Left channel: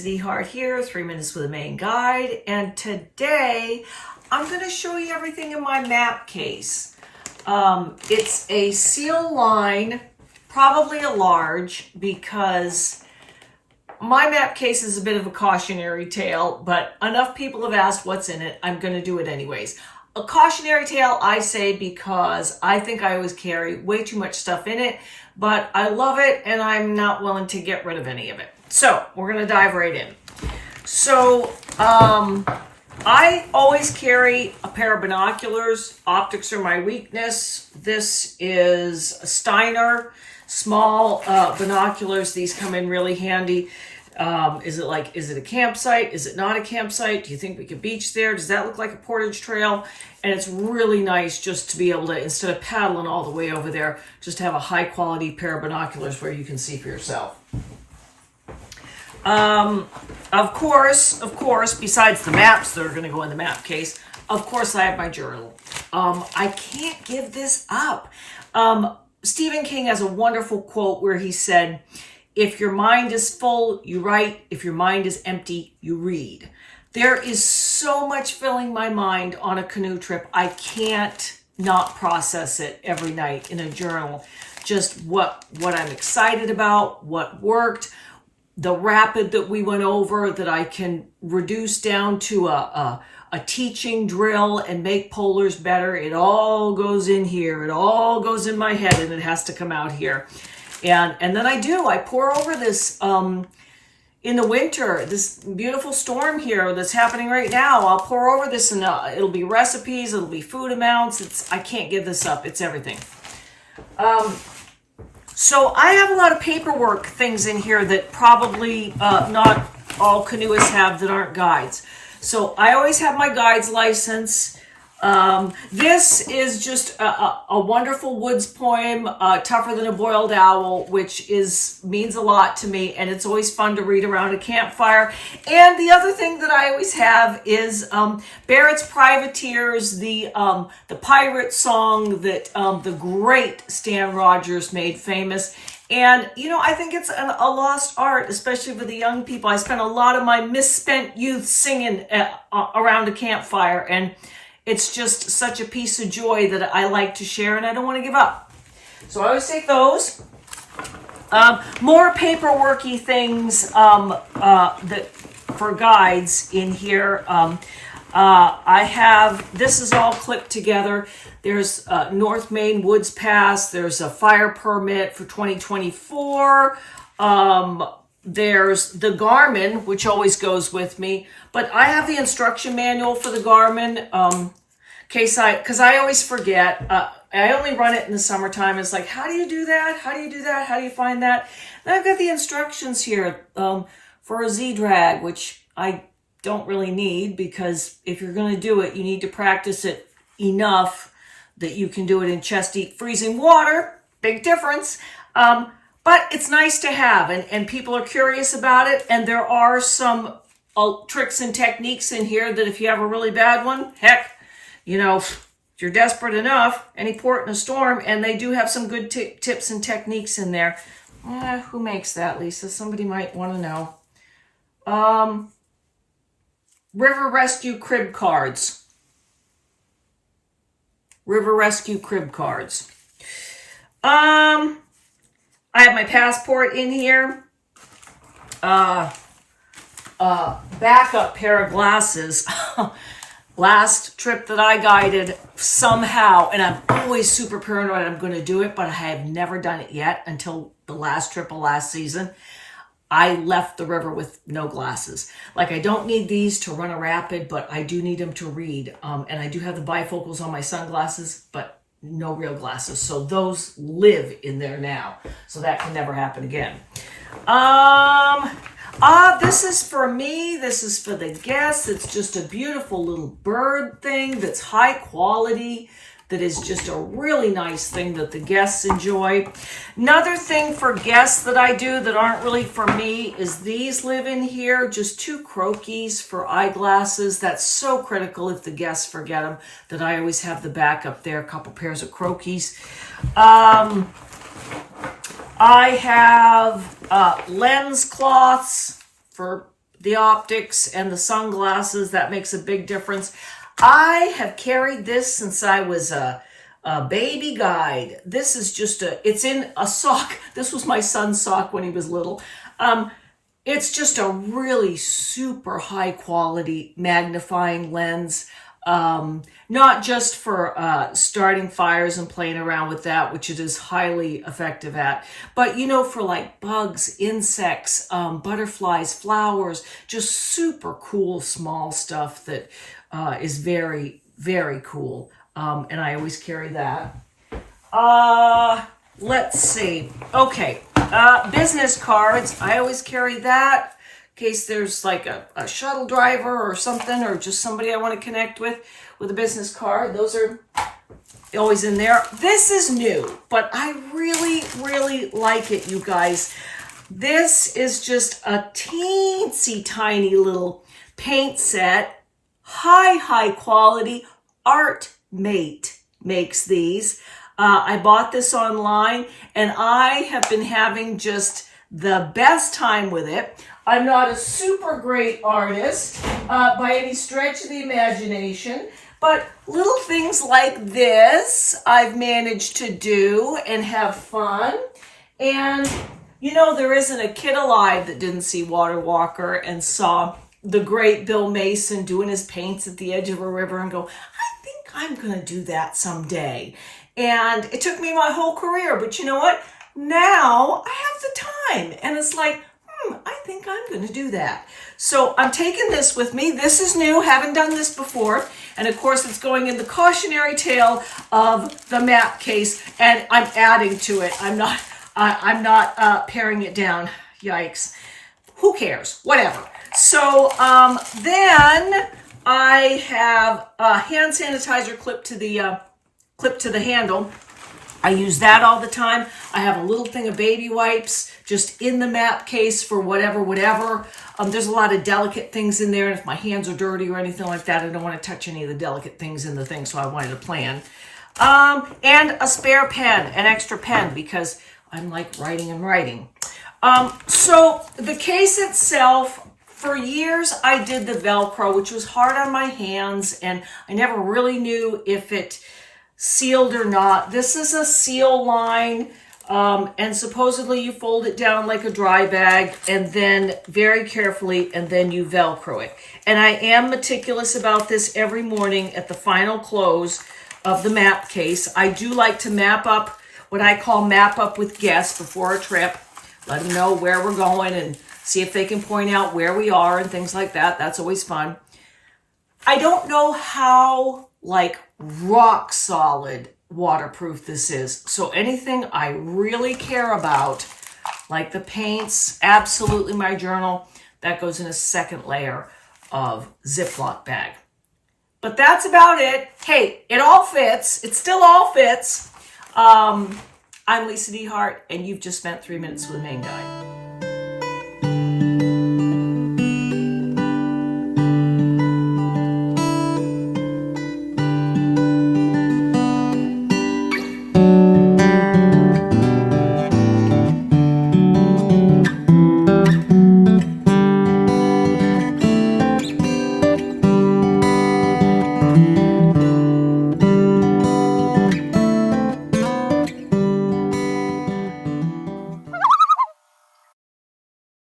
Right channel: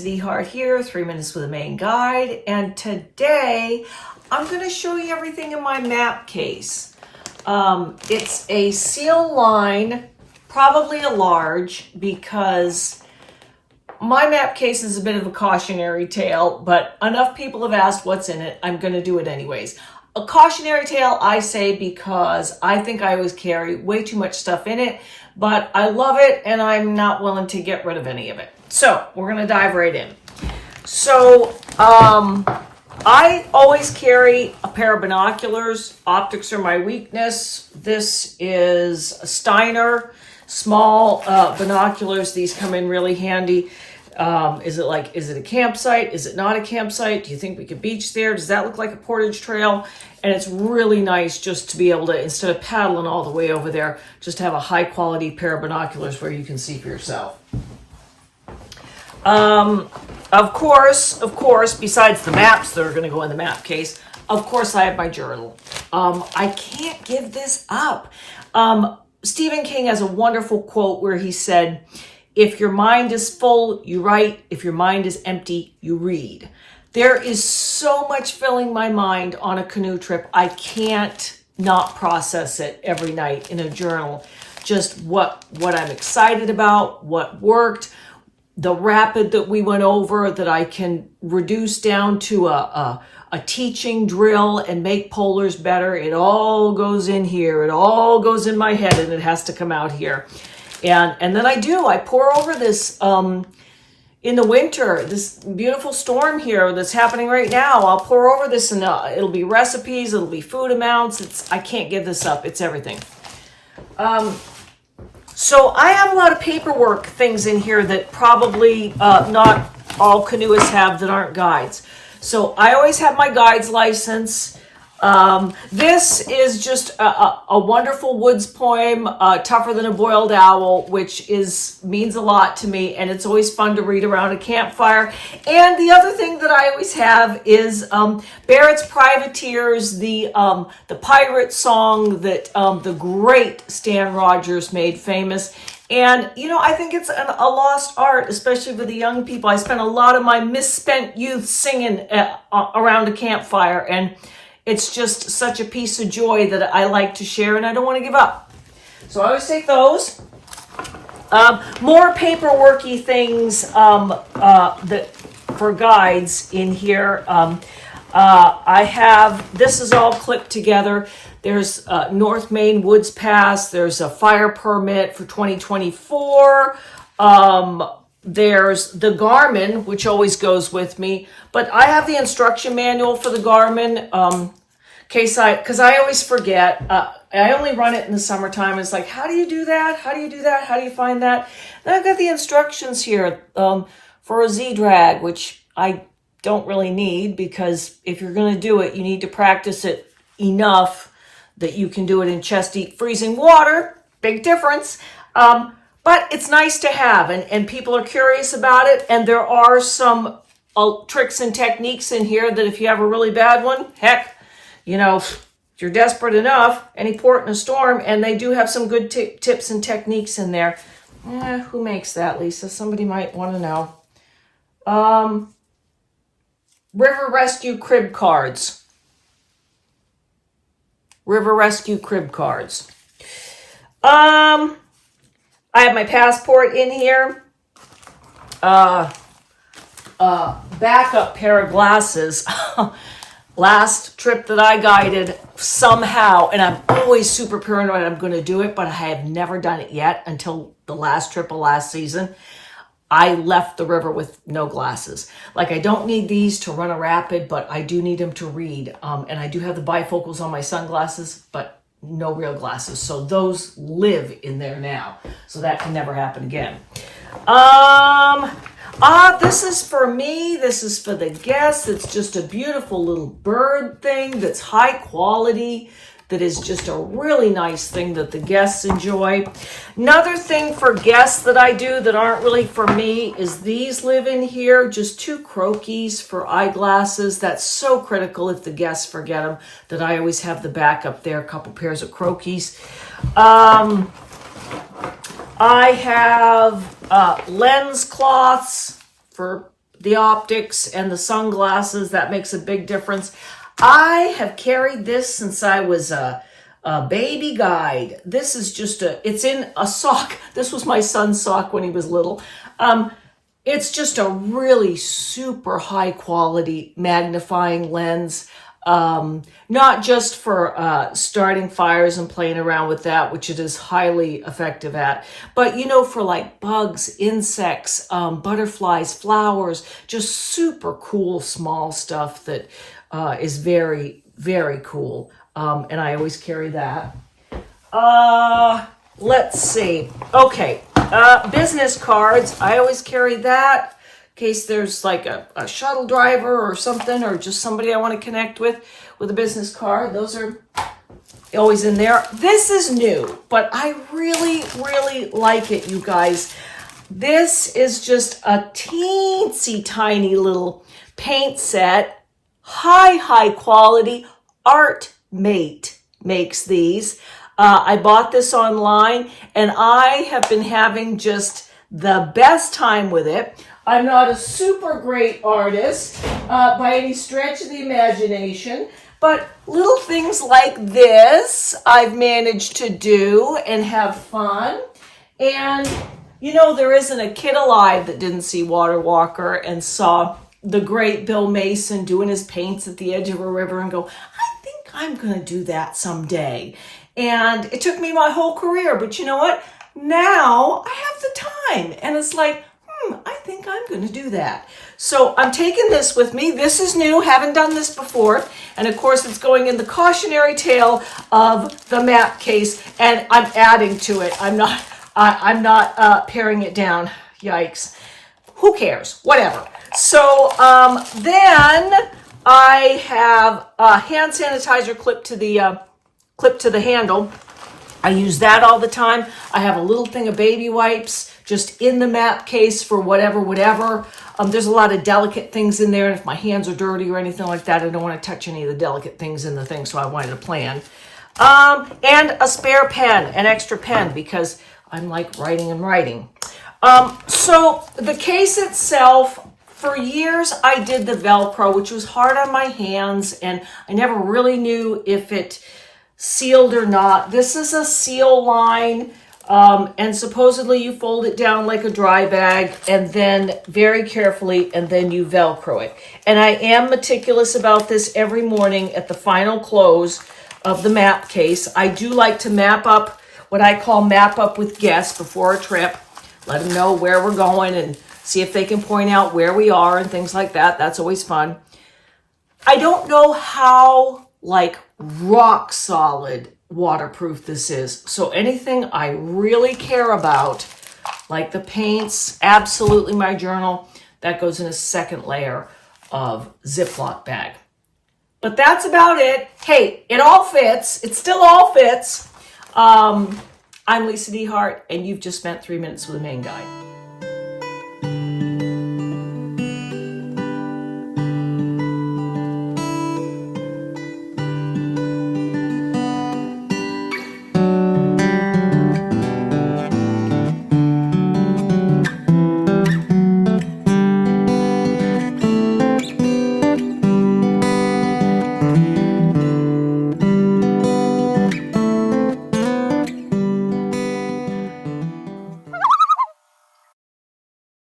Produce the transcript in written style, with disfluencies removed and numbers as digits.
Lisa DeHart here, 3 Minutes with a Maine Guide, and today I'm going to show you everything in my map case. It's a seal line, probably a large, because my map case is a bit of a cautionary tale, but enough people have asked what's in it, I'm going to do it anyways. A cautionary tale, I say, because I think I always carry way too much stuff in it, but I love it and I'm not willing to get rid of any of it. So we're going to dive right in. So I always carry a pair of binoculars. Optics are my weakness. This is a Steiner, small binoculars. These come in really handy. Is it a campsite? Is it not a campsite? Do you think we could beach there? Does that look like a portage trail? And it's really nice just to be able to, instead of paddling all the way over there, just have a high quality pair of binoculars where you can see for yourself. Of course, besides the maps that are going to go in the map case, of course I have my journal. I can't give this up. Stephen King has a wonderful quote where he said, "If your mind is full, you write. If your mind is empty, you read." There is so much filling my mind on a canoe trip. I can't not process it every night in a journal. Just what I'm excited about, what worked, the rapid that we went over that I can reduce down to a teaching drill and make polars better. It all goes in here. It all goes in my head and it has to come out here. And then I pour over this in the winter, this beautiful storm here that's happening right now. I'll pour over this and it'll be recipes, it'll be food amounts. I can't give this up. It's everything. So I have a lot of paperwork things in here that probably not all canoeists have that aren't guides. So I always have my guide's license. This is just a wonderful woods poem, Tougher Than a Boiled Owl, which means a lot to me, and it's always fun to read around a campfire. And the other thing that I always have is Barrett's Privateers, the pirate song that the great Stan Rogers made famous. And, I think it's a lost art, especially for the young people. I spent a lot of my misspent youth singing around a campfire, and it's just such a piece of joy that I like to share, and I don't want to give up. So I always take those. More paperworky things that for guides in here. I have, this is all clipped together. There's North Maine Woods Pass. There's a fire permit for 2024. There's the Garmin, which always goes with me. But I have the instruction manual for the Garmin, because I always forget. I only run it in the summertime. It's like, how do you do that? How do you do that? How do you find that? Then I've got the instructions here for a Z-drag, which I don't really need, because if you're going to do it, you need to practice it enough that you can do it in chest-deep freezing water. Big difference. But it's nice to have, and people are curious about it, and there are some tricks and techniques in here that if you have a really bad one, heck, if you're desperate enough, any port in a storm, and they do have some good tips and techniques in there. Who makes that, Lisa? Somebody might want to know. River Rescue Crib Cards. River Rescue Crib Cards. I have my passport in here. Backup pair of glasses. Last trip that I guided, somehow, and I'm always super paranoid I'm going to do it, but I have never done it yet until the last trip of last season. I left the river with no glasses. Like, I don't need these to run a rapid, but I do need them to read. And I do have the bifocals on my sunglasses, but no real glasses. So those live in there now. So that can never happen again. This is for me. This is for the guests. It's just a beautiful little bird thing that's high quality, that is just a really nice thing that the guests enjoy. Another thing for guests that I do that aren't really for me is these live in here. Just 2 croquis for eyeglasses. That's so critical if the guests forget them, that I always have the backup there, a couple pairs of croquis. I have lens cloths for the optics and the sunglasses, that makes a big difference. I have carried this since I was a baby guide. This is just it's in a sock. This was my son's sock when he was little. It's just a really super high quality magnifying lens. Not just for starting fires and playing around with that, which it is highly effective at, but for like bugs, insects, butterflies, flowers, just super cool small stuff that is very, very cool. And I always carry that. Let's see. Okay. Business cards. I always carry that in case there's like a shuttle driver or something, or just somebody I want to connect with a business card. Those are always in there. This is new, but I really, really like it, you guys. This is just a teensy tiny little paint set. High quality. Artmate makes these. I bought this online, and I have been having just the best time with it. I'm not a super great artist by any stretch of the imagination, but little things like this I've managed to do and have fun. And, there isn't a kid alive that didn't see Water Walker and saw the great Bill Mason doing his paints at the edge of a river and go, I think I'm going to do that someday. And it took me my whole career, but you know what? Now I have the time, and it's like, I think I'm going to do that. So I'm taking this with me. This is new, haven't done this before. And of course it's going in the cautionary tale of the map case, and I'm adding to it. I'm not paring it down. Yikes. Who cares? Whatever. So then I have a hand sanitizer clipped to the handle. I use that all the time. I have a little thing of baby wipes just in the map case for whatever. There's a lot of delicate things in there, and if my hands are dirty or anything like that, I don't want to touch any of the delicate things in the thing, so I wanted to plan. And a spare pen, an extra pen, because I'm like writing. So the case itself, for years I did the Velcro, which was hard on my hands, and I never really knew if it sealed or not. This is a seal line, and supposedly you fold it down like a dry bag, and then very carefully, and then you Velcro it. And I am meticulous about this every morning at the final close of the map case. I do like to map up, what I call map up with guests before a trip, let them know where we're going and see if they can point out where we are and things like that. That's always fun. I don't know how rock solid waterproof this is. So anything I really care about, like the paints, absolutely my journal, that goes in a second layer of Ziploc bag. But that's about it. Hey, it all fits. It still all fits. I'm Lisa DeHart, and you've just spent 3 minutes with a Maine Guide.